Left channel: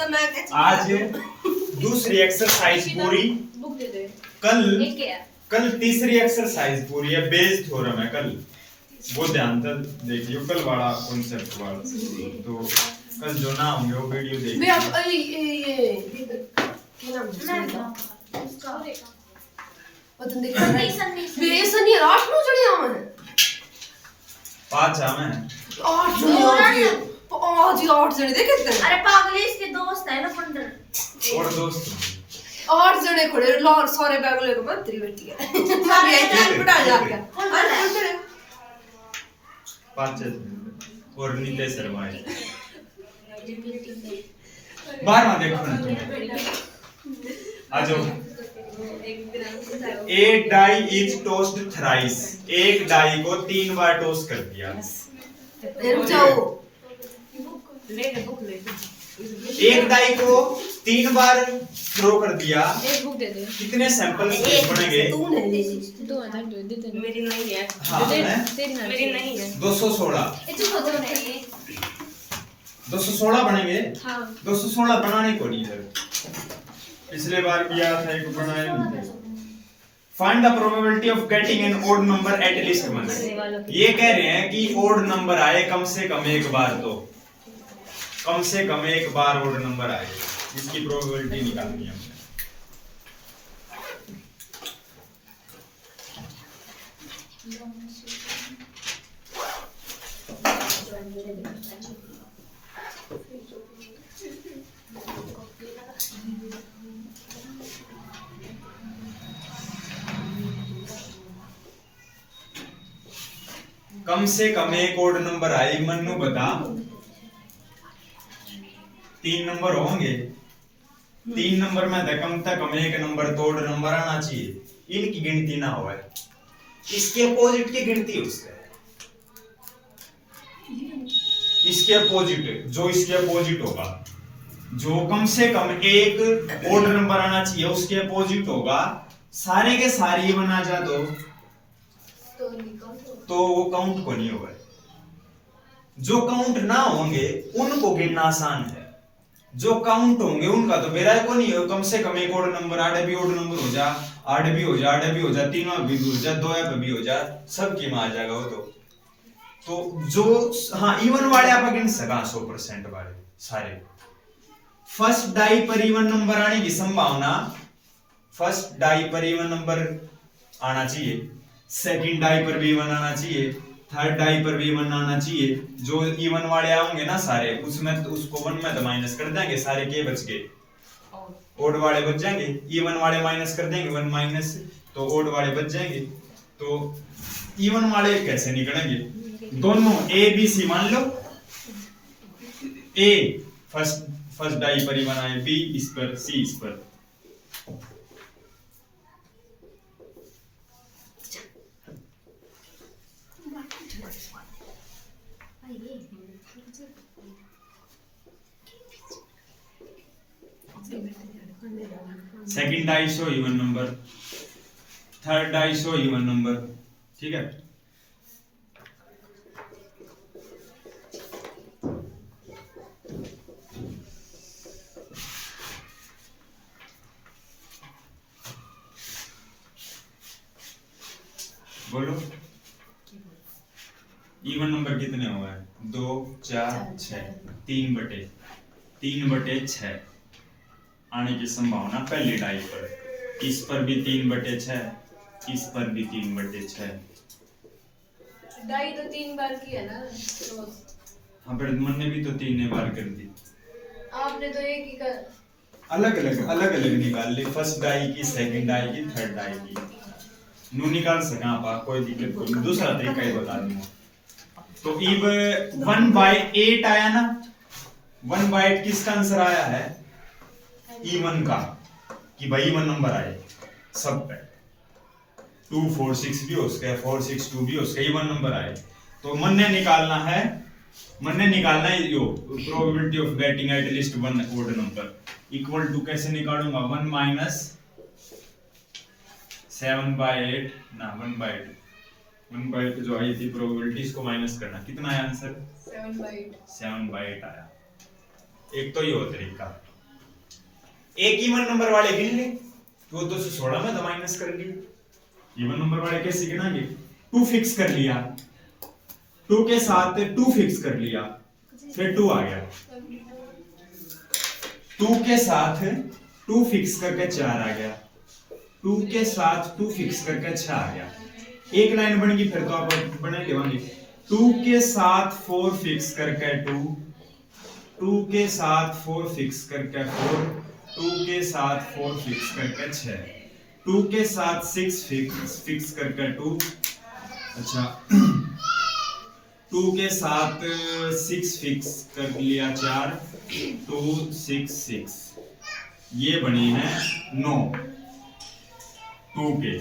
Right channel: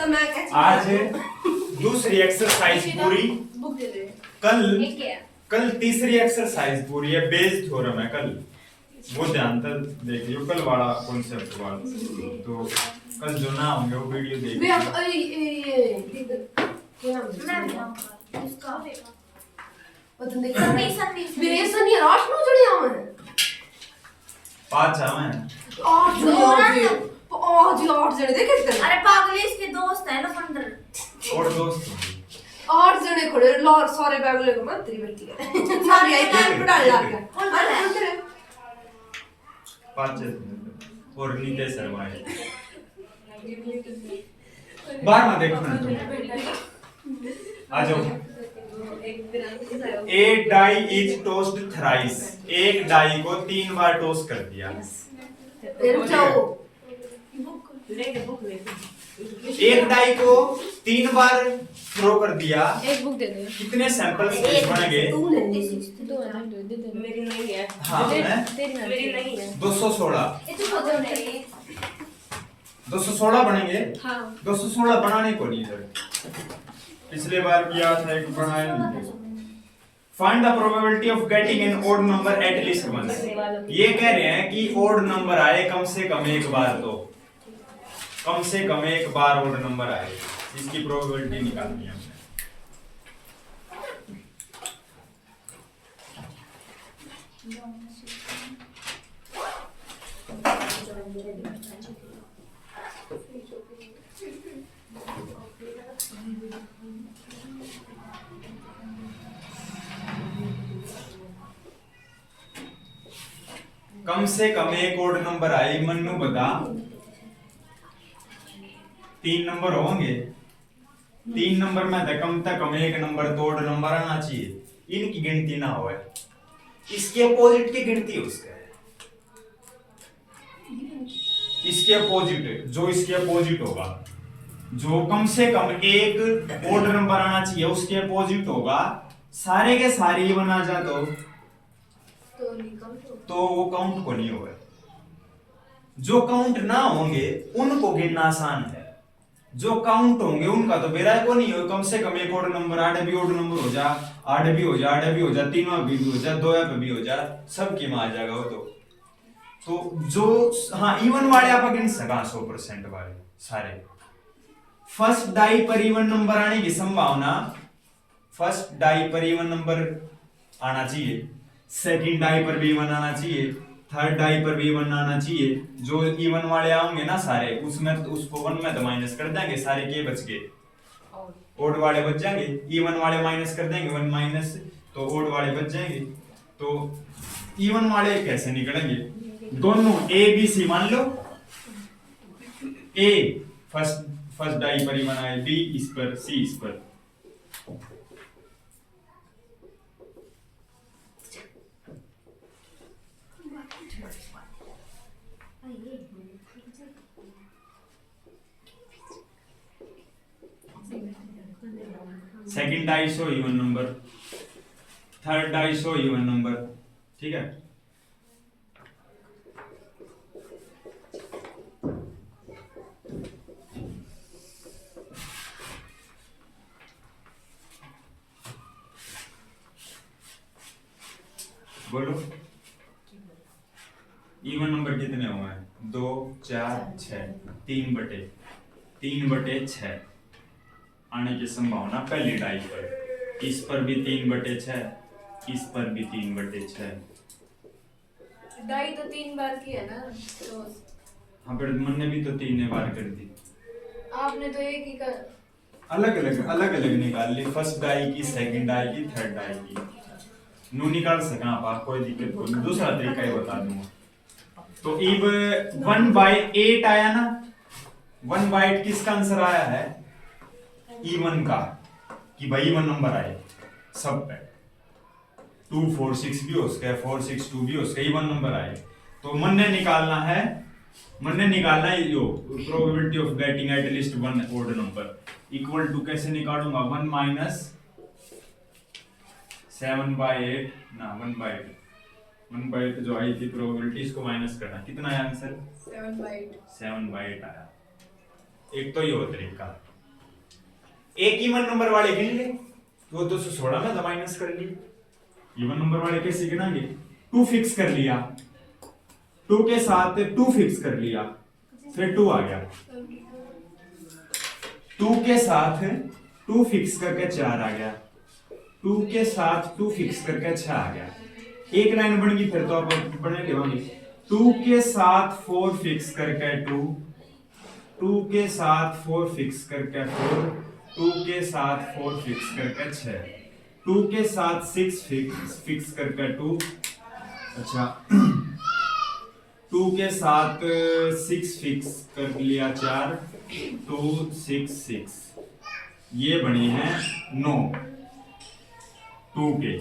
तो मैं आज दूसरी एक्सरसाइज पूरी, कल तीसरी एक्सरसाइज पूरी है, बेस थ्योरम है कल, वो ध्यान से देखियो कल वाला कॉन्सेप्ट वाला। तो कल जो ना होंगे वो वीडियो देखिए। मैं अब ये क्या नाम है उसका पता नहीं क्या मेरे से नहीं रात में चढ़ी आवे 5 आवे 8 जने देखे थे। अरे पागल इसके दोस्त है ना 15 और दोस्त 8 जने खड़े लोग सारे बैगले को मत तेरी बेटी है सारे एक टाइम पढ़ा लग गया। अरे 5 और नीते शर्मा है बाहर ना देखो ना तुम आ जाओ। एक डाई इज टोस्ड थ्राइस, एक डाई को 3 बार टोस्ट कर दिया। रुक जाओ एक डाई को 3 बार थ्रो कर दिया, एक बुक दे दे। कितने सैंपल्स बनेंगे? दो है दे दे। मेरी नहीं है। हाँ है मेरी नहीं है। 216 नहीं 216 बनेंगे। हाँ 216 बनाने को नहीं है, पिछले बार किया था एक बनाया नहीं। Find the probability of getting an odd number at least once. ये कह रहे हैं कि ओड नंबर आए कम से कम एक बार, तो कम से कम एक बार ओड नंबर आए, इसकी प्रोबेबिलिटी निकालनी है हमने। कम से कम एक ओड नंबर आए, मन्नू बता। 3 नंबर होंगे, 3 नंबर में तो कम से कम एक नंबर तो ओड नंबर आना चाहिए, इनकी गिनती ना हो, इसके अपोजिट की गिनती उसका है, इसके अपोजिट, जो इसके अपोजिट होगा, जो कम से कम एक ओड नंबर आना चाहिए उसके अपोजिट होगा। सारे के सारे ही बना जा तो वो काउंट को नहीं होगा। जो काउंट ना होंगे उनको गिनना आसान है, जो काउंट होंगे उनका तो बेरा को नहीं हो। कम से कम एक ओड नंबर, 8 भी ओड नंबर हो जा, 8 भी हो जा, 8 भी हो जा, 3 भी हो जा, 2 पे भी हो जा, सबकी में आ जाएगा वो। तो जो हाँ इवन वाले आप गिन सका 100% वाले सारे। फर्स्ट डाई पर इवन नंबर आने की संभावना, फर्स्ट डाई पर इवन नंबर आना चाहिए, सेकंड डाई पर भी इवन आना चाहिए, थर्ड डाई पर भी इवन आना चाहिए। जो इवन वाले आएंगे ना सारे, उसमें तो उसको 1 में तो माइनस कर देंगे, सारे के बच गए, ओड वाले बच जाएंगे। इवन वाले माइनस कर देंगे 1 माइनस, तो ओड वाले बच जाएंगे। तो इवन वाले कैसे निकलेंगे? दोनों ए बी सी मान लो, ए फर्स्ट डाई पर इवन आए, बी इस पर, सी इस पर। Second die so even number, third die so even number, ठीक है। बोलो इवन नंबर कितने हुए हैं? 2 4 6, 3/6 आने की संभावना पहली डाई पर। इस पर भी 3/6, इस पर भी 3/6। डाई तो 3 बार की है ना, तो हाँ पर मैंने भी तो 3 बार कर दी, आपने तो एक ही कर अलग अलग निकाल ली। फर्स्ट डाई की, सेकंड डाई की, थर्ड डाई की, नू निकाल सका आप, कोई दिक्कत को नहीं। दूसरा तरीका ही बता दूंगा। तो इब 1/8 आया ना, 1/8 किसका आंसर आया है? इवन का, कि भाई इवन नंबर आए सब पे। 2 4 6 भी हो सके, 4 6 2 भी हो सके, इवन नंबर आए। तो मन ने निकालना है यो probability of getting at least 1 odd number equal to, कैसे निकालूंगा? 1 माइनस 7/8 ना 1/8, 1/8 जो आई थी प्रोबेबिलिटी, इसको माइनस करना, कितना है आंसर? 7/8 7/8 आया। एक तो ये हो तरीका। एक इवन नंबर वाले गिन ले, तो 216 में तो माइनस कर लिया। इवन नंबर वाले कैसे गिनाएंगे? 2 फिक्स कर लिया, 2 के साथ 2 फिक्स कर लिया, फिर 2 आ गया, 2 के साथ 2 फिक्स करके 4 आ गया, 2 के साथ 2 फिक्स करके 6 आ गया। एक लाइन बन गई, फिर तो आप बना लेवांगे। 2 के साथ 4 फिक्स करके 2, 2 के साथ 4 फिक्स करके 4, 2 के साथ 4 फिक्स करके 6, 2 के साथ 6 फिक्स करके 2, अच्छा 2 के साथ 6 फिक्स कर लिया 4, 2 6 6, ये बने हैं 9 2 के,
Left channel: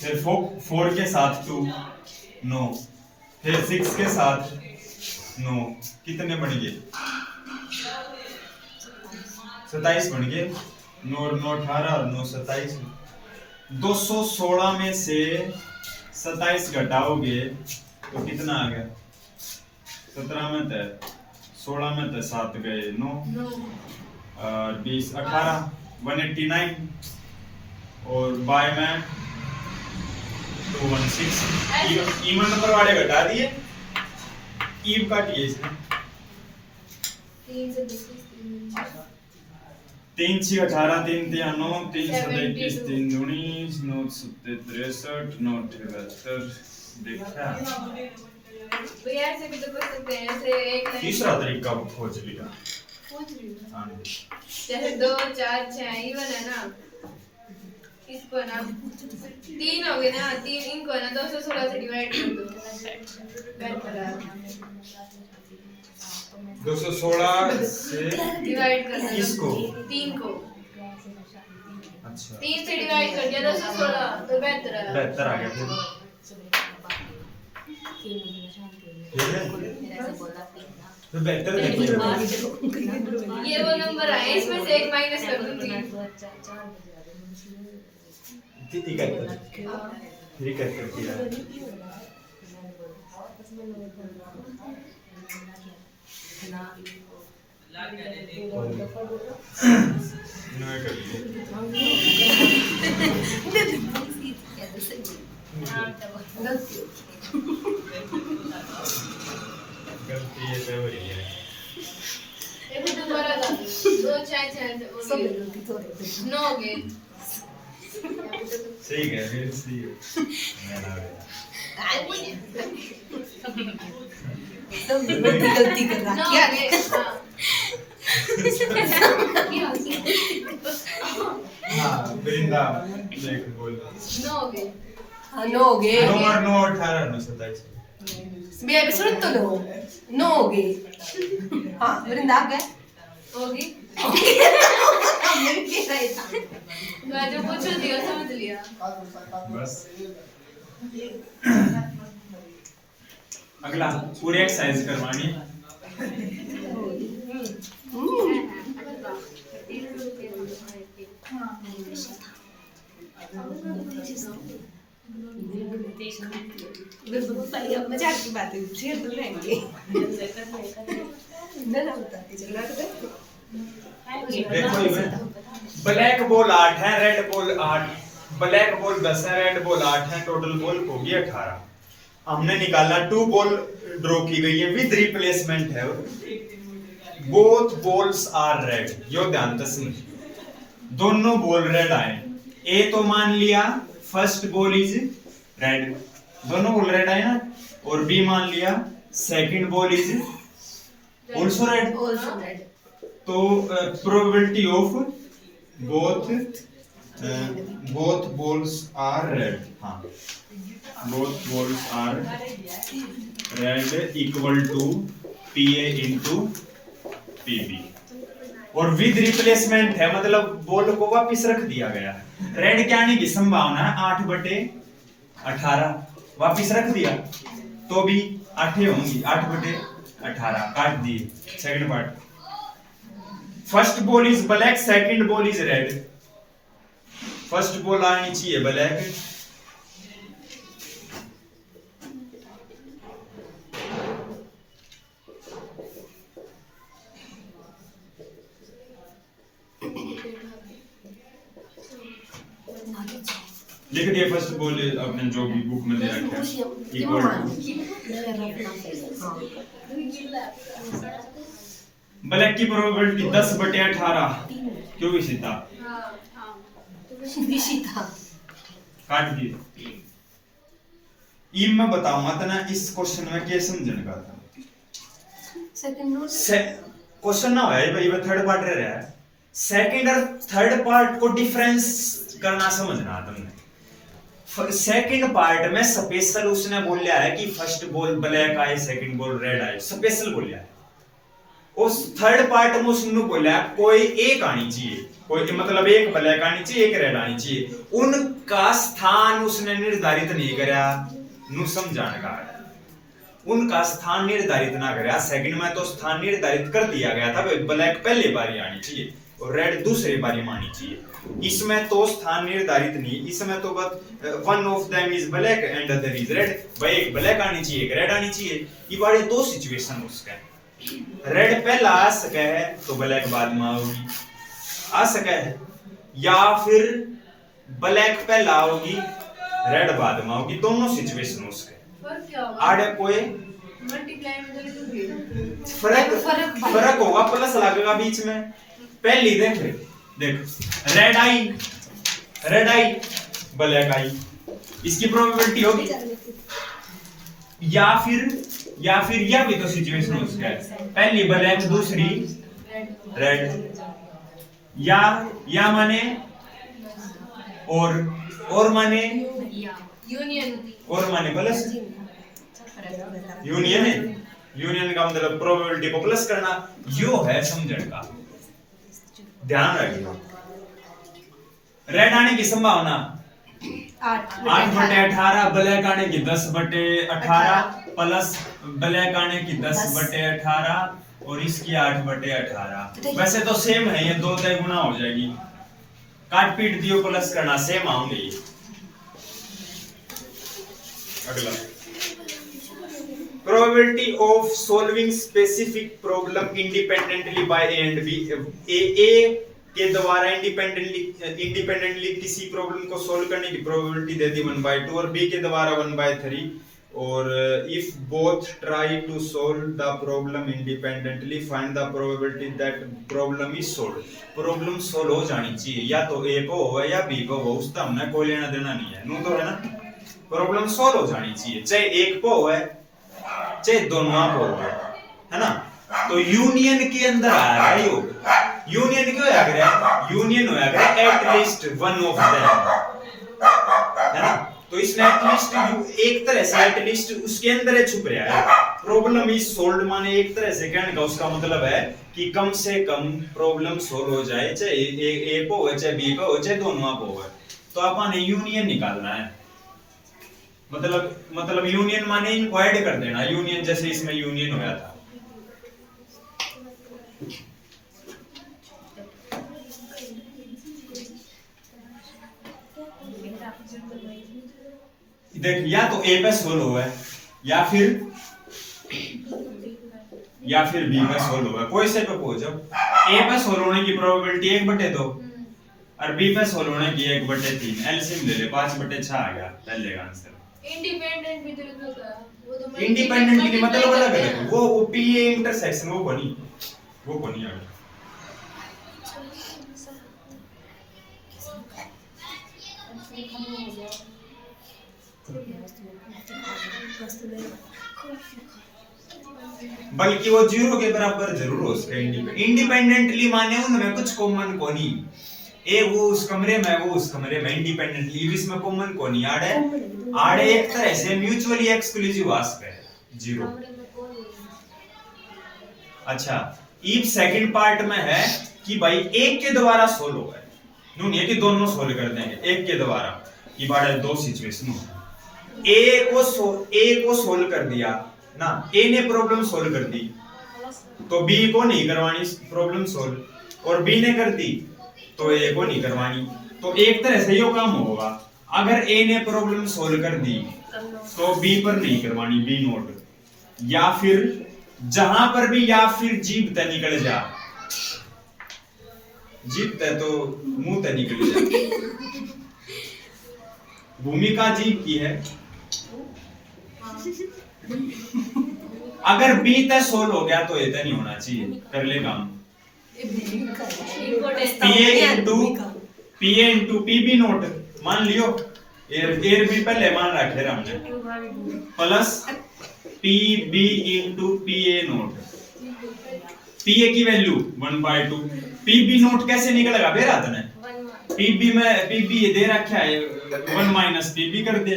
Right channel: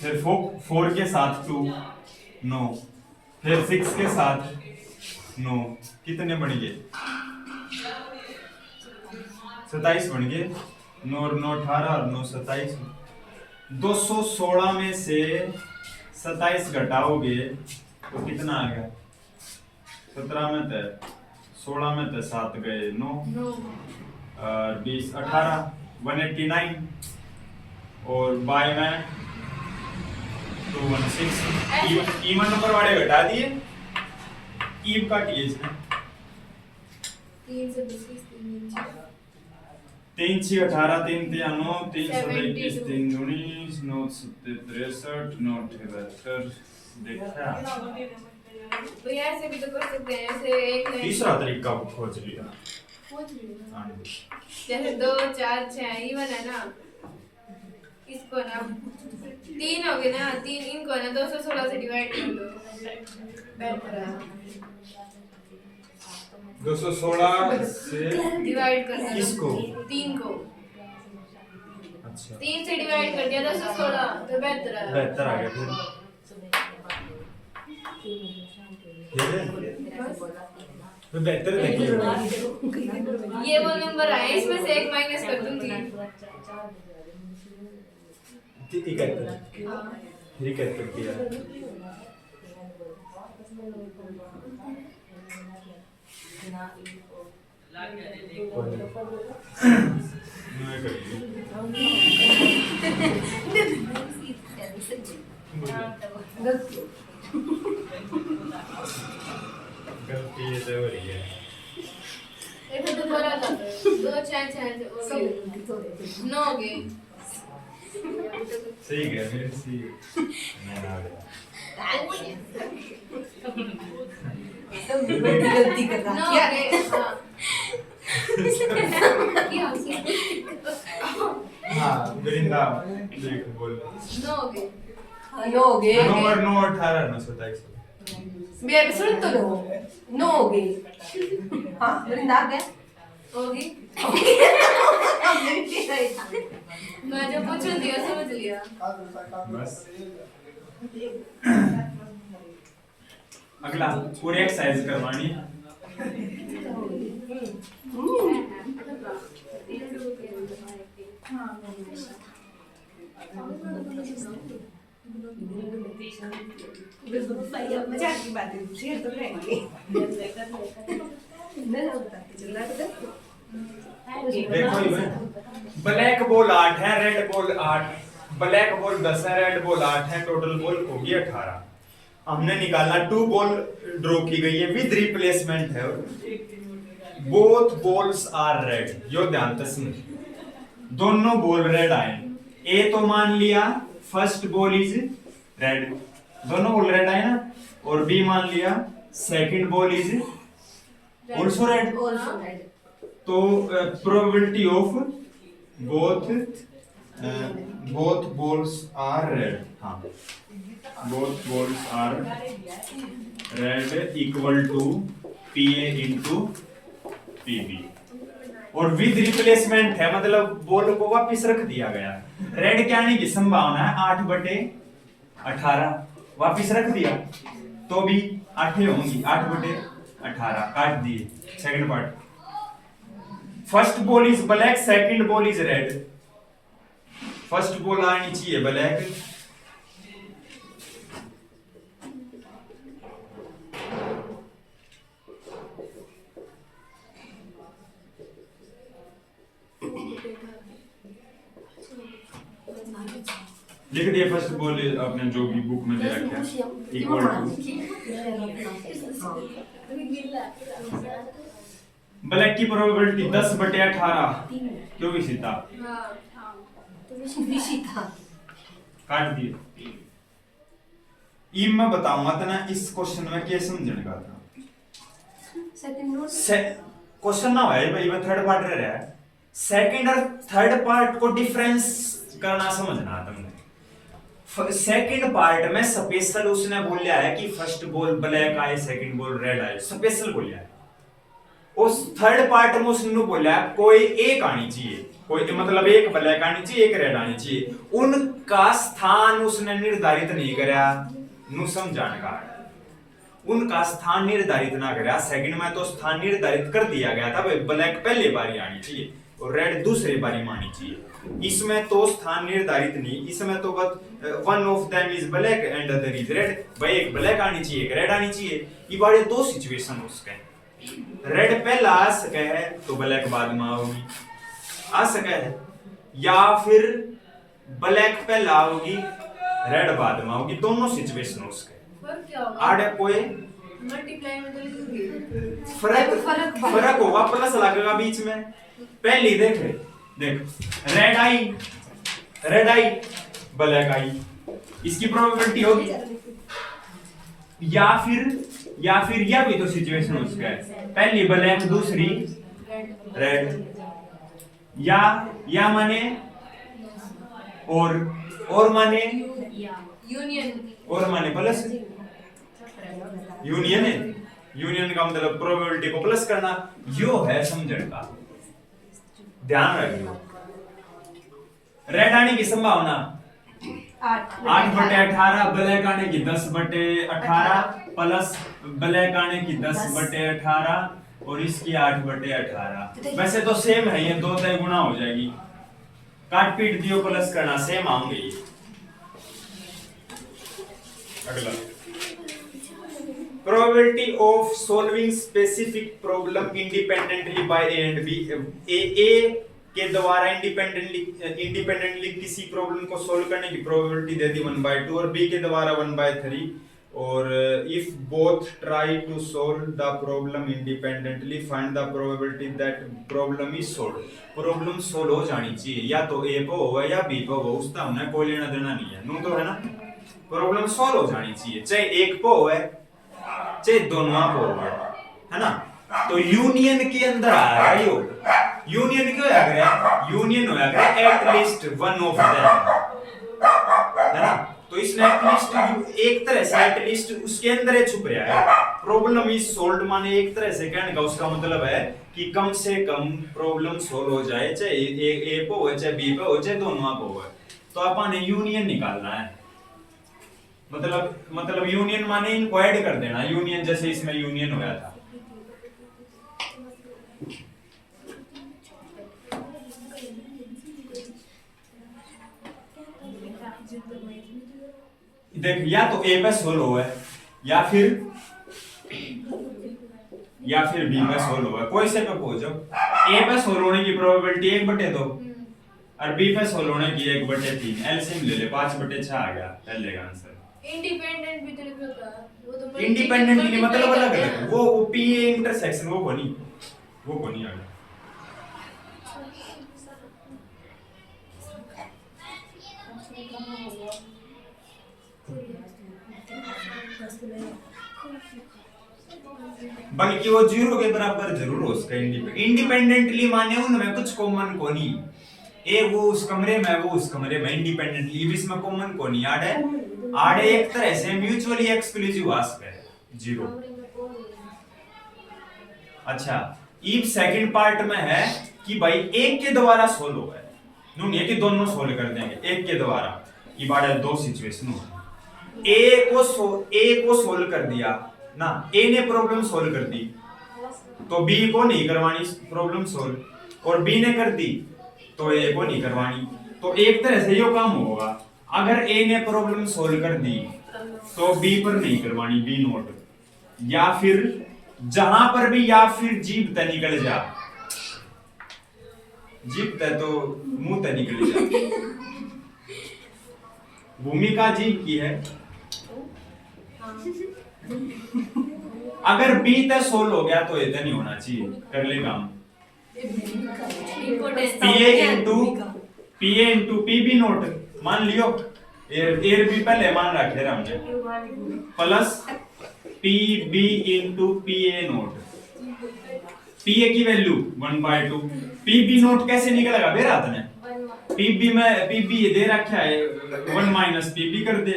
फिर 4 के साथ 2 9, फिर 6 के साथ 9, कितने बन गए? 27 बन गए। 9 9 18 और 9 27। 216 में से 27 घटाओगे तो कितना आ गया? 17 में थे 16 में थे 7 गए 9 20 18 189 और बाय में 216। इवन नंबर वाले घटा दिए, ईव काटिए इसमें। 3 से 32 3 6 18 3 3 9 3 7 21 3 19 9 7 63 9 78 देखा। भैया ऐसे भी तो कर सकते हैं, ऐसे एक लाइन तीसरा तरीका खोज लिया। पूछ रही हूँ। हाँ, जैसे 2 4 6 इवन है ना, इसको ना 3 हो गए ना, 3 इनको ना 216 से डिवाइड कर दो, बेहतर है। 216 से डिवाइड कर दो किसको? 3 को, अच्छा 3 से डिवाइड कर दिया 216 तो बेहतर है। बेहतर आ गया फिर। ठीक है, तो बेहतर देखिए। ये वो नंबर आए, इसमें से एक माइनस कर दूंगी। ठीक है, ठीक है किया। नहीं कर गलती ये तो हो रही है। ये तो दोबारा कर दो, 2 6 6 9 हो गए। सही है, फिर सही है। मैं ना गया। गलती कर रहा 9 हो क्या गए, हाँ। हाँ, वृंदा देख बोल। 9 हो गए। हाँ 9 हो गए 9 और 9 18 9 27। मेरे पे सुन तो लो 9 हो गए। हाँ वृंदा आ गए होगी। हमने भी किया ही था। मैं जो पूछ रही थी वो समझ लिया। बस अगला पूरे एक्सरसाइज करवानी। मजाक की बात है, शेयर तो रहेंगे ना बताते चलना तो देखो इसमें ब्लैक बॉल 8 है, रेड बॉल 8, ब्लैक बॉल 10 है, रेड बॉल 8 है, टोटल बॉल होगी 18। हमने निकालना 2 बॉल ड्रॉ की गई है विद रिप्लेसमेंट है, बोथ बॉल्स आर रेड। यो ध्यान से सुन, दोनों बॉल रेड आए। ए तो मान लिया फर्स्ट बॉल इज रेड, दोनों बॉल रेड आए ना, और बी मान लिया second ball is also red. Also red तो probability of both balls are red, हाँ both balls are red equal to PA into PB. और विद रिप्लेसमेंट है, मतलब बॉल को वापस रख दिया गया। रेड क्या आने की संभावना है 8/18, वापस रख दिया तो भी 8 होंगी, 8/18 काट दिए। Second part, first ball is black, second ball is red. First ball आनी चाहिए ब्लैक, लिख दिया फर्स्ट बॉल अपने जो भी बुक में दे रखा है इक्वल टू ब्लैक की प्रोबेबिलिटी 10/18 क्यों भी सीता हाँ काट दिए। ई मैं बताऊंगा तो ना इस क्वेश्चन में क्या समझने का था। क्वेश्चन ना है भाई थर्ड पार्ट रह रहा है, सेकंड और थर्ड पार्ट को डिफरेंस करना समझना तुमने। सेकंड पार्ट में स्पेशल उसने बोला है कि फर्स्ट बॉल ब्लैक आए सेकंड बॉल रेड आए, स्पेशल बोला है। उस थर्ड पार्ट में उसने बोला कोई एक आनी चाहिए, कोई मतलब एक ब्लैक आनी चाहिए एक रेड आनी चाहिए, उनका स्थान उसने निर्धारित नहीं करा नु समझाने का है। उनका स्थान निर्धारित ना करा। सेकंड में तो स्थान निर्धारित कर दिया गया था, ब्लैक पहले बारी आनी चाहिए और रेड दूसरी बारी में आनी चाहिए। इसमें तो स्थान निर्धारित नहीं, इसमें तो बस one of them is black and other is red, भाई एक ब्लैक आनी चाहिए एक रेड आनी चाहिए। ये बारे दो सिचुएशन उसका है, रेड पहला आ सके है तो ब्लैक बाद में आओगी आ सके है, या फिर ब्लैक पहला आओगी रेड बाद में आओगी, दोनों सिचुएशन उसके। फर्क क्या होगा? आड़े कोई मल्टीप्लाई में तो लिखोगे फर्क होगा, प्लस लगेगा बीच में। पहली देख रेड आई ब्लैक आई, इसकी प्रोबेबिलिटी होगी। या फिर यह भी तो सिचुएशन उसका है, पहली ब्लैक दूसरी रेड, या माने और माने यूनियन और माने प्लस यूनियन है, यूनियन का मतलब प्रोबेबिलिटी को प्लस करना, यो है समझने का। ध्यान रखिए रेड आने की संभावना 8/18, ब्लैक आने की 10/18 प्लस ब्लैक आने की 10/18 और इसकी 8/18। वैसे तो सेम है, ये 2 गुना हो जाएगी, काट पीट दियो प्लस करना सेम आएंगे ये। अगला probability of solving specific problem independently by A and B। A के द्वारा इंडिपेंडेंटली किसी प्रॉब्लम को सॉल्व करने की प्रोबेबिलिटी दे दी 1/2 और B के द्वारा 1/3, और if both try to solve the problem independently find the probability that problem is solved। Problem solve हो जानी चाहिए, या तो A पे हो या B पे हो, उसका हमने कोई लेना देना नहीं है, नो तो है ना। प्रॉब्लम सॉल्व हो जानी चाहिए, चाहे एक पे हो चाहे दोनों पे हो, है ना। तो यूनियन के अंदर आ रहा है यूनियन क्यों आ गया, यूनियन हो गया एटलीस्ट वन ऑफ देम, है ना। तो इसने एटलीस्ट एक तरह से एटलीस्ट उसके अंदर ही छुप रहा है। प्रॉब्लम इज सॉल्व्ड माने एक तरह से कहने का उसका मतलब है कि कम से कम प्रॉब्लम सॉल्व हो जाए, चाहे ए पे हो चाहे बी पे हो चाहे दोनों पे हो। तो अपन यूनियन निकालना है, मतलब यूनियन माने इनको ऐड कर देना, यूनियन जैसे इसमें यूनियन होया था। देख या तो ए पे सोल्व हुआ है या फिर बी पे सोल्व हुआ है, कोई से पे पहुंचो। ए पे सोल्व होने की प्रोबेबिलिटी 1/2 और बी पे सोल्व होने की 1/3। एलसीएम ले ले 5/6 आ गया पहले का आंसर। इंडिपेंडेंट भी तो लिखा था, वो तो इंडिपेंडेंट की मतलब अलग है, वो पी इंटरसेक्शन वो बनी आ गया। बल्कि वो 0 के बराबर जरूर हो उसका इंडिपेंडेंटली माने उनमें कुछ कॉमन को नहीं, ए वो उस कमरे में वो उस कमरे में, इंडिपेंडेंटली इसमें कॉमन को नहीं आड़े एक तरह से म्यूचुअली एक्सक्लूसिव आस्क है 0। अच्छा इफ सेकंड पार्ट में है कि भाई एक के द्वारा सोल्व हुआ है, नहीं है कि दोनों सोल्व कर देंगे, एक के द्वारा की बात है। दो सिचुएशन हो, ए को सोल्व कर दिया ना, ए ने प्रॉब्लम सोल्व कर दी तो बी को नहीं करवानी प्रॉब्लम सोल्व, और बी ने कर दी तो ए को नहीं करवानी। तो एक तरह से यो काम होगा, अगर ए ने प्रॉब्लम सोल्व कर दी तो बी पर नहीं करवानी, बी नोट। या फिर जहां पर भी या फिर जीभ तक निकल जा, जीभ तक तो मुंह तक निकल जा, भूमिका जीव की है। अगर बी तक सोल हो गया तो इतना नहीं होना चाहिए। कर ले काम। पीए इंटू पीबी नोट मान लियो, एर बी पहले मान रखे हमने, प्लस पीबी इंटू पीए नोट। पीए की वैल्यू 1/2, पीबी नोट कैसे निकलेगा बेरा तने? पीबी में पीबी ये दे रखा है 1 माइनस पीबी कर दे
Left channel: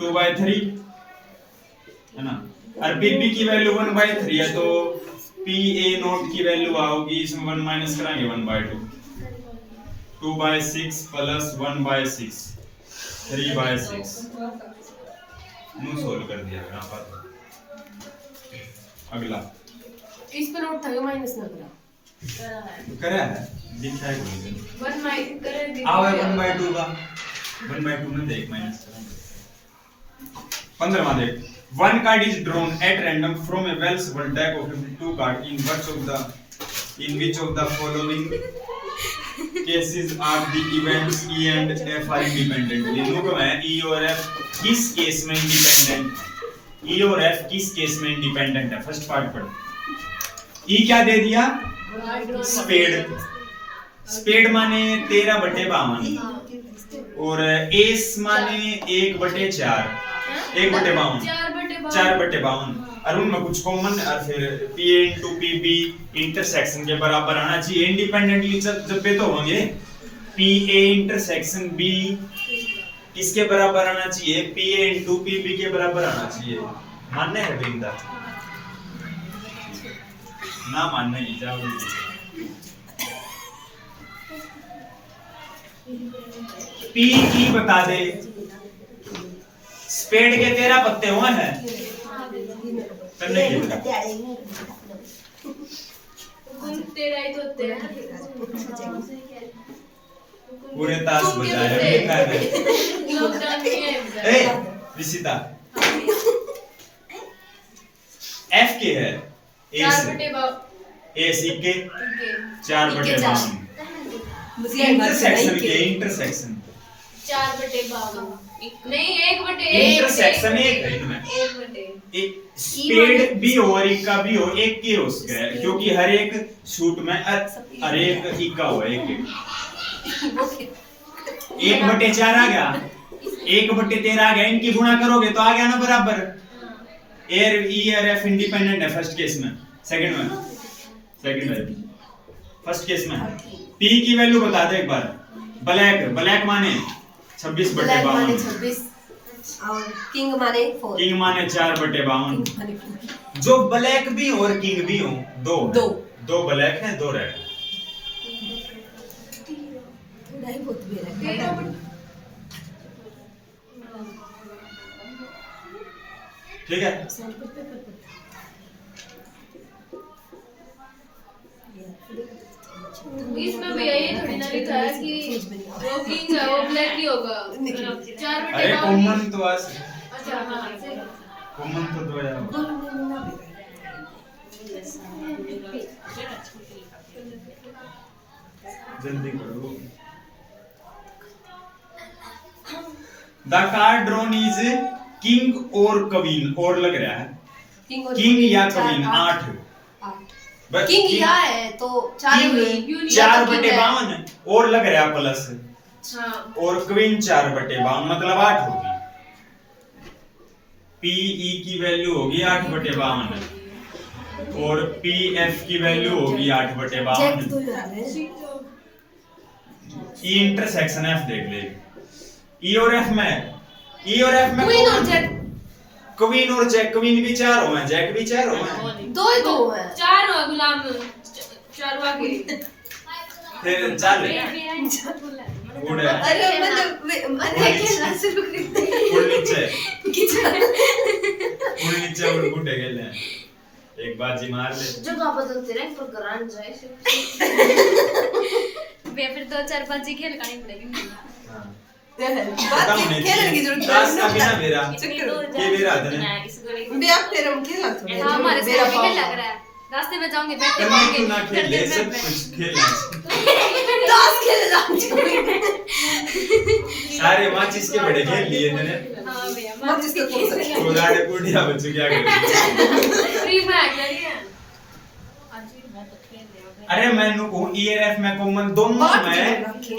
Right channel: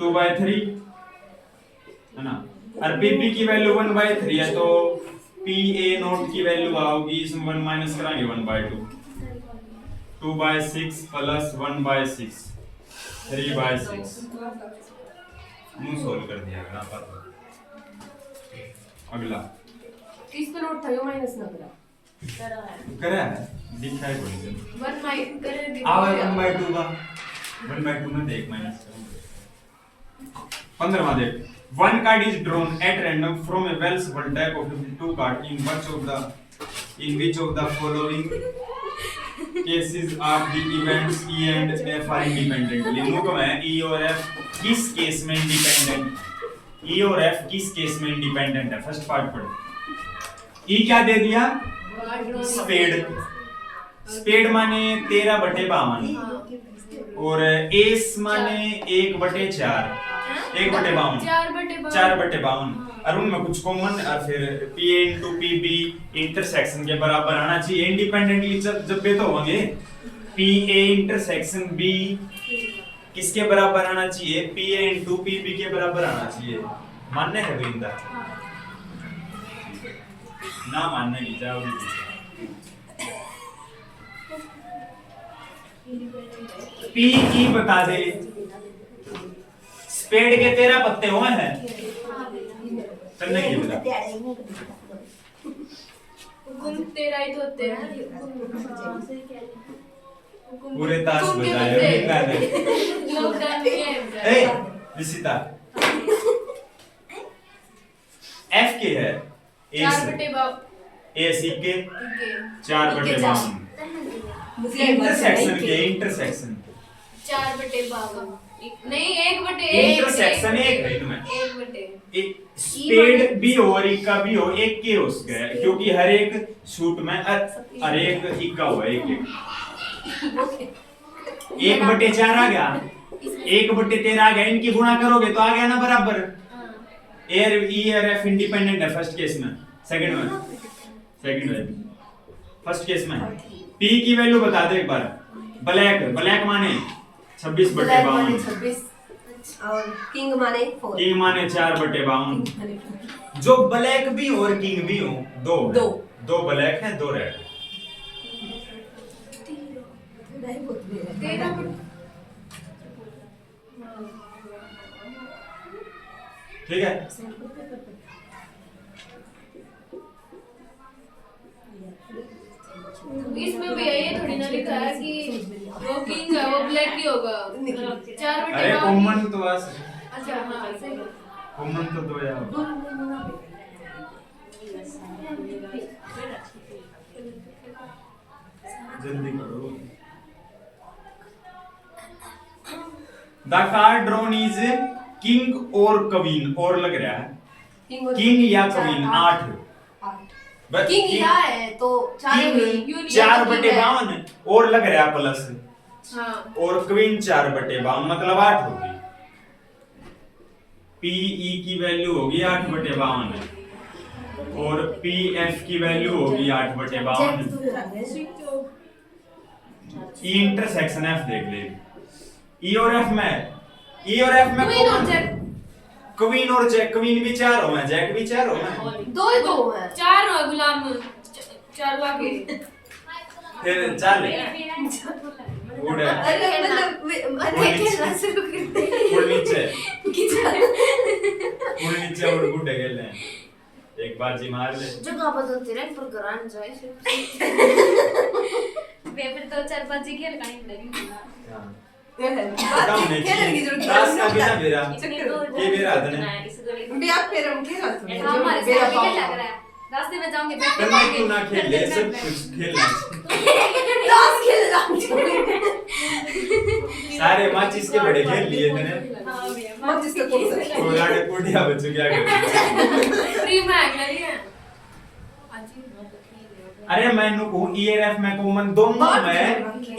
2/3 है ना, और पीबी की वैल्यू 1/3 है तो पीए नोट की वैल्यू आओगी, इसमें 1 माइनस कराएंगे 1/2, 2/6 प्लस 1/6 3/6 नु सोल्व कर दिया यहां पर। अगला इस पे नोट था माइनस ना करा करे है लिखा है कोई 1 माइनस करे दे आवे 1/2 का 1/2 में देख माइनस 15वां देख, one card is drawn at random from a well shuffled deck of 52 cards in which of the following cases are the events E and F are independent। लिखो को है E और F किस केस में independent, E और F किस case में independent है। फर्स्ट पार्ट पढ़। E क्या दे दिया? स्पेड। स्पेड माने 13/52 और एस माने 1/4 1/52 4/52 और उनमें कुछ कॉमन और फिर P इंटू PB इंटरसेक्शन के बराबर आना चाहिए। इंडिपेंडेंटली जब पे तो होंगे PA इंटरसेक्शन B किसके बराबर आना चाहिए? PA इंटू PB के बराबर आना चाहिए। मानने है वृंदा? ना मानने की जाओ। PE बता दे। स्पेड के 13 पत्ते हुए हैं करने की बता। तेरा ही तो होते हैं पूरे ताश बजाए लॉकडाउन में है। ए रिसिता F के है A सी के 4/52 इंटरसेक्शन के इंटरसेक्शन 4/52 नहीं 1/1 इंटरसेक्शन एक है इनमें 1/1 स्पेड भी हो और इक्का भी हो एक के हो गया क्योंकि हर एक शूट में हर एक इक्का हुआ एक 1/4 आ गया 1/13 आ गया। इनकी गुणा करोगे तो आ गया ना बराबर। एयर ई और एफ इंडिपेंडेंट है फर्स्ट केस में, सेकंड में फर्स्ट केस में पी की वैल्यू बता दे एक बार। ब्लैक माने 26/52 26 और किंग माने 4/52 जो ब्लैक भी हो और किंग भी हो दो ब्लैक है 2 रेड। ठीक है इसमें भैया ये थोड़ी ना लिखा है कि वो किंग है वो ब्लैक नहीं होगा 4/52। अरे कॉमन तो आज अच्छा हाँ सही कॉमन तो 2 यार जल्दी करो। The card drawn is king और क्वीन और लग रहा है किंग या क्वीन 8 किंग या है तो 4/52 और लग रहा है प्लस हाँ और क्वीन 4/52 मतलब 8 होगी। पीई की वैल्यू होगी 8/52 और पीएफ की वैल्यू होगी 8/52। ई इंटरसेक्शन एफ देख ले। ई और एफ में क्वीन और जैक क्वीन भी 4 हो हैं जैक भी 4 हो हैं 2 है 4 हो गुलाम 4 वाके फिर 4 ले गुड है। अरे मतलब खेलना शुरू कर दे फुल नीचे और गुड है खेलना एक बाजी मार ले जगह बदलते रहे पर करान जाए वे फिर 2-4 बाजी खेल करनी पड़ेगी। हां खेलने की जरूरत टास्क का बिना मेरा ये ये मेरा था ना बिया फिर हम खेला थोड़ा हाँ हमारे से भी खेल लग रहा है रास्ते में जाओगे बैठते करना क्यों ना खेल ले सब कुछ खेलना टास्क खेलना अरे माचिस के बड़े खेल लिए थे हाँ भैया मत इसको कौन सा उड़ाड़े पुड़िया बच्चों क्या करें फ्री में लगी है अरे मैंने को ई और एफ में कॉमन दोनों में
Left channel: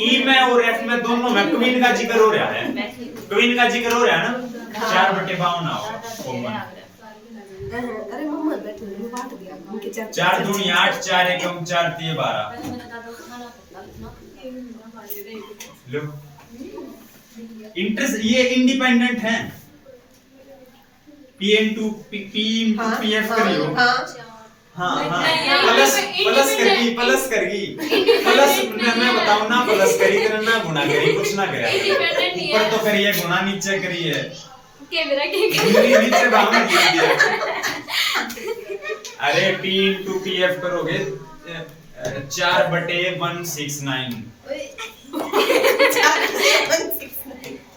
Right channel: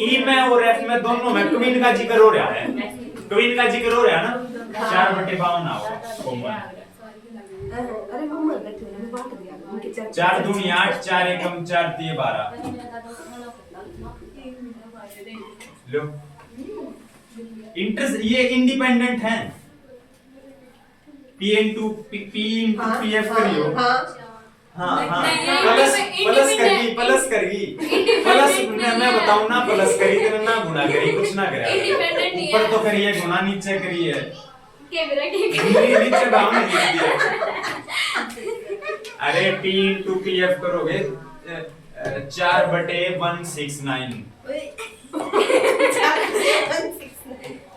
ई में और एफ में दोनों में क्वीन का जिक्र हो रहा है क्वीन का जिक्र हो रहा है ना 4/52 आओ कॉमन अरे मोहम्मद बैठे हुए बात दिया उनके 4 दूनी 8 4 एकम 4 3 12 लो इंटरेस्ट ये इंडिपेंडेंट हैं पी इनटू पीएफ करियो हाँ हाँ प्लस करगी मैं बताऊं ना प्लस करी तेरे ना गुना करी कुछ ना करे ऊपर तो करिए गुना नीचे करिए कैमरा के नीचे दाम में लिख दिया अरे p into pf करोगे 4/169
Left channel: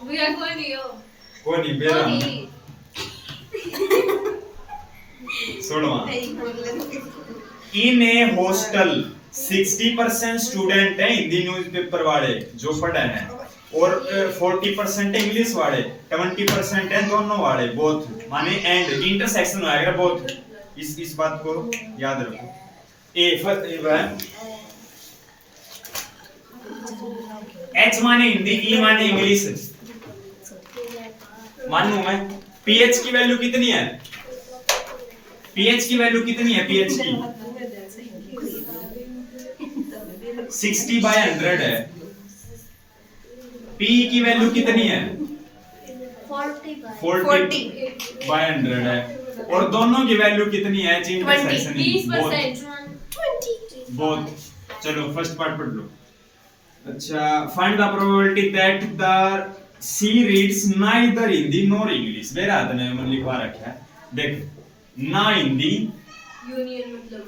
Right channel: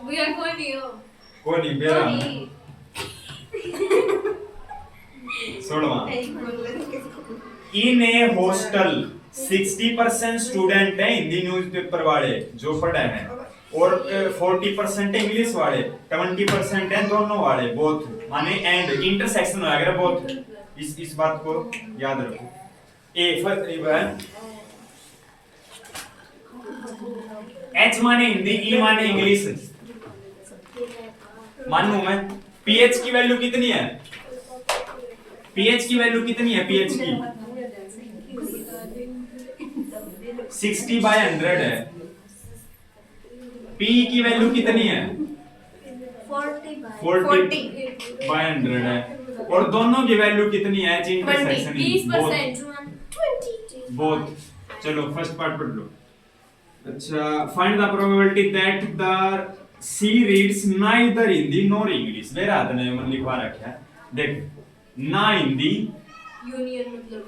भैया कौन नहीं हो कौन ही बेरा सोलवा इन ए हॉस्टल 60% स्टूडेंट हैं हिंदी न्यूज़पेपर वाले जो पढ़े हैं और 40% इंग्लिश वाले 20% हैं दोनों वाले बोथ माने एंड इंटरसेक्शन आएगा बोथ इस बात को याद रखो एच माने हिंदी ई माने इंग्लिश मानू मैं पीएच की वैल्यू कितनी है पीएच की वैल्यू कितनी है पीएच की 60/100 है पी की वैल्यू कितनी है 40/100 है और दोनों की वैल्यू कितनी है इंटरसेक्शन 20% बोथ चलो फर्स्ट पार्ट पढ़ लो अच्छा find the probability that the C reads neither Hindi nor English मेरा हाथ ने मन लिखवा रखा है देख ना हिंदी यूनियन मतलब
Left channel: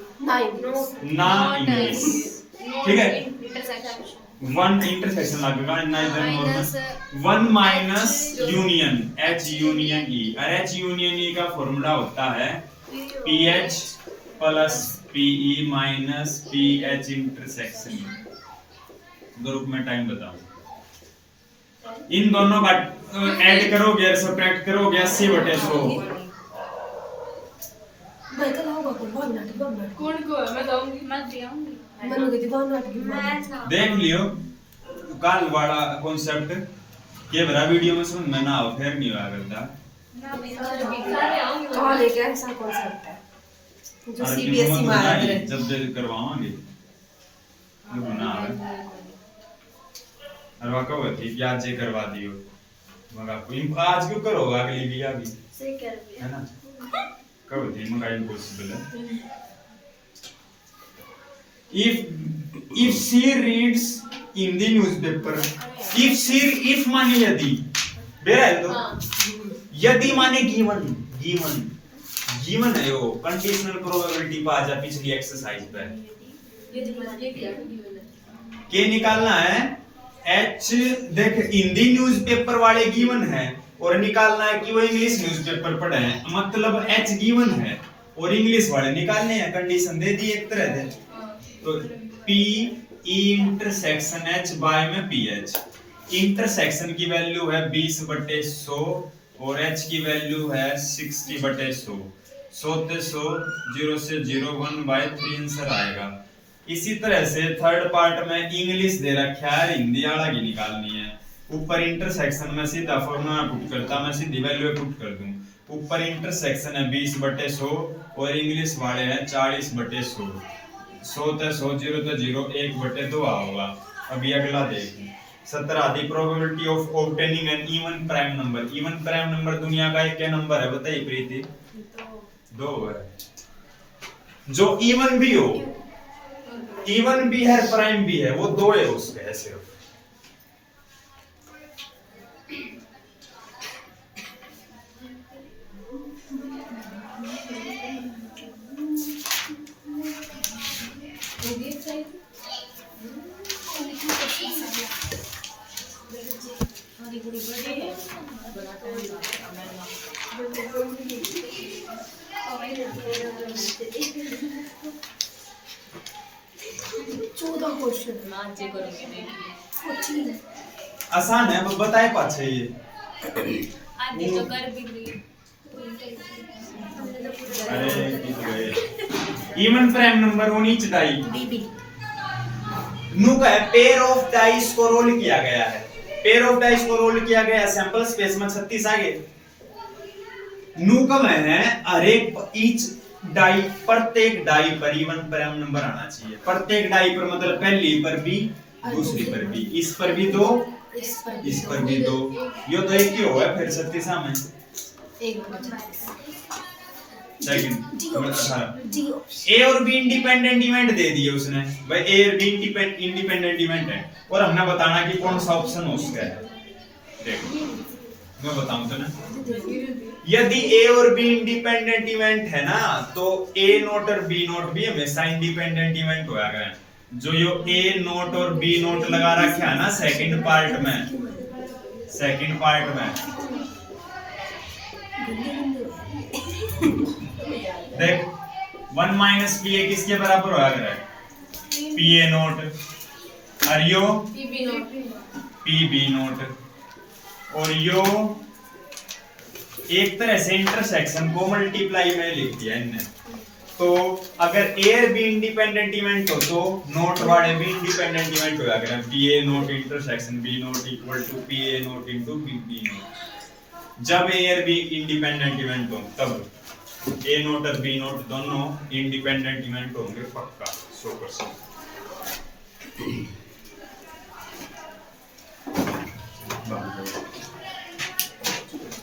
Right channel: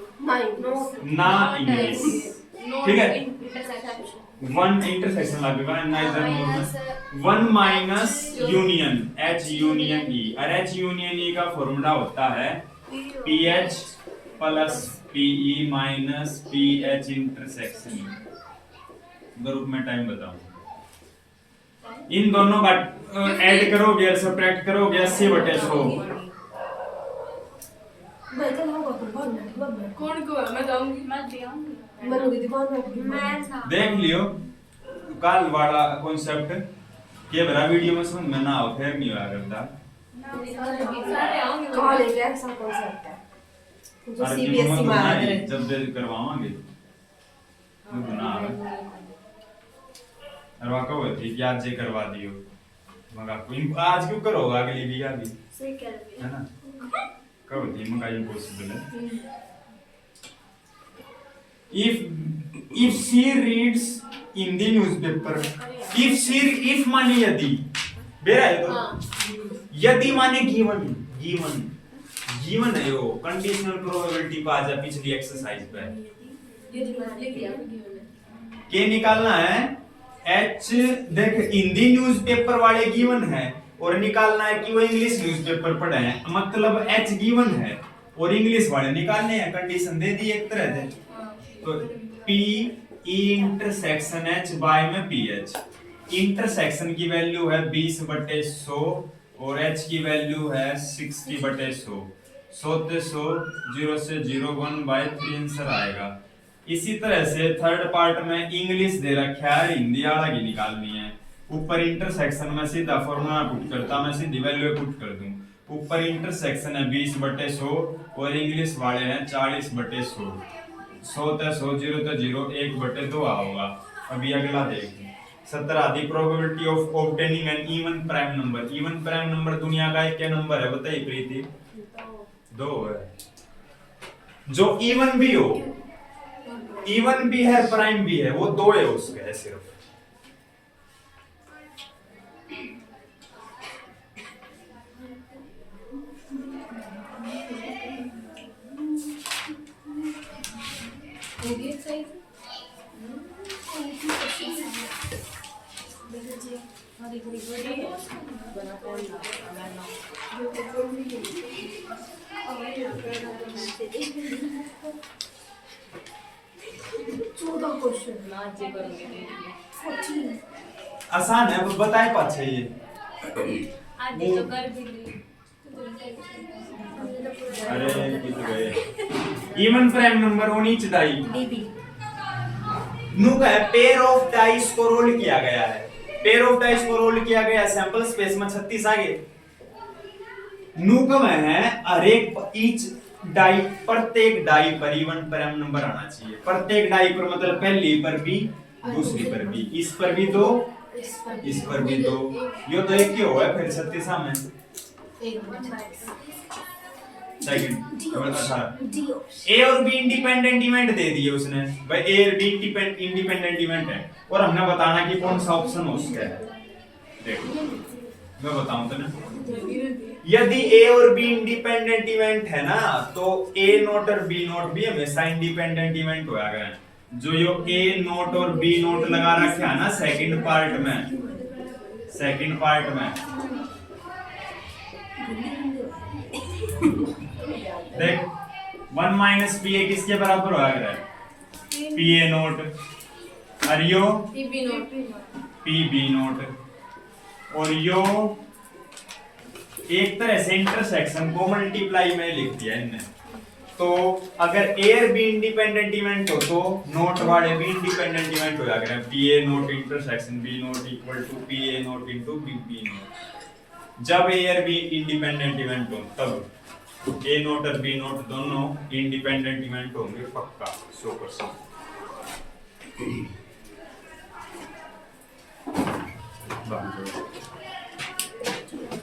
ना इंग्लिश ठीक है वन इंटरसेक्शन लगेगा neither nor one minus union H union E और एच यूनियन ई का फॉर्मूला होता है PH plus PE minus PH intersection group में टाइम बताओ इन दोनों का ऐड करोगे और सब्ट्रैक्ट करोगे 80/100 मैं कल आऊंगा कुर्बान नाटी बाबा कौन को मैं कहूंगी मत दियाऊंगी मनु की दीवार नाटी मैं देख लियो कल वाला कॉन्सेप्ट के मेरा वीडियो में समझ में ना आओ फिर नहीं होगा करता कॉल एक ऐसा कॉन्सेप्ट है जो अरे सीबीएसई में आ रहा है जब दे करवावांगे मुझे ना आवे और वहाँ कहो थी कि आज ये करवा दियो मगर कोई आज क्यों करोगा अगली भी अभी सही कह रही है ना कहो थी मगर इम्पॉसिबल है if she reads in the newspaper if माने यदि बेरा है तो यदि माने गिवन है वो कंडीशनल प्रोबेबिलिटी पे आ जा पिछली एक्सरसाइज पे ये जो मतलब ये क्या गिवन के निकालना है एच देख हिंदी न्यूज़पेपर वाले गिवन है और निकालना है कि वो इंग्लिश न्यूज़पेपर पढ़े हैं मतलब एच गिवन है और इंग्लिश वाले निकालने हैं कंडीशन दे दी एक तरह से तो P E intersection H by में PH इंटरसेक्शन की वैल्यू है 20/100 और H की वैल्यू है 60/100 100 ते 100 0 से 0 1/3 आंसर आएगा इसी तरह से थर्ड पार्ट में इंग्लिश दे रखा है हिंदी वाला की निकालनी है ऊपर इंटरसेक्शन में सीधा फॉर्मूला पुट करता मैं सीधी वैल्यू पुट कर दूं ऊपर इंटरसेक्शन है 20/100 और इंग्लिश वाले हैं 40/100 100 ते 100 0 ते 0 1/2 होगा अभी अगला देखिए 17 the probability of obtaining an even prime number दुनिया का एक क्या नंबर है बताइए प्रीति 2 है जो इवन भी हो इवन भी है प्राइम भी है वो 2 है उसके है सिर्फ चौदह क्वेश्चन आज ये करूंगी नहीं आसान है, अब बताए पाछे ये आधे तो कर भी ली। अरे कित गए इवन प्राइम नंबर होनी चाहिए बीबी नु का पेयर ऑफ डाइस को रोल किया गया है, पेयर ऑफ डाइस को रोल किया गया, सैंपल स्पेस में 36 आ गए। नु का है हर एक ईच डाई, प्रत्येक डाई पर इवन प्राइम नंबर आना चाहिए। प्रत्येक डाई पर मतलब पहली पर भी, दूसरी पर भी, इस पर भी 2, इस पर भी 2, यो तो एक ही होगा फिर 36 में एक मिनट सेकंड। ए और बी इंडिपेंडेंट इवेंट दे दिए उसने भाई, ए और बी इंडिपेंडेंट इवेंट है और हमने बताना कि कौन सा ऑप्शन उसका है। देखो मैं बताऊं तो ना, यदि ए और बी इंडिपेंडेंट इवेंट है ना तो ए नोट और बी नोट भी हमेशा इंडिपेंडेंट इवेंट होया गया। जो यो ए नोट और बी नोट लगा रखा है ना सेकंड पार्ट में देख 1 माइनस पी ए किसके बराबर होया करे, पी ए नोट और यो PB not P B not, और यो एक तरह से इंटरसेक्शन को मल्टीप्लाई में लिख दिया इनने। तो अगर ए और बी इंडिपेंडेंट इवेंट हो तो नोट वाले भी इंडिपेंडेंट इवेंट होया करें, P A not intersection B not equal to P A not into B B not. जब ए और बी इंडिपेंडेंट इवेंट हो तब ए नोट और बी नोट दोनों इंडिपेंडेंट इवेंट होंगे पक्का 100%।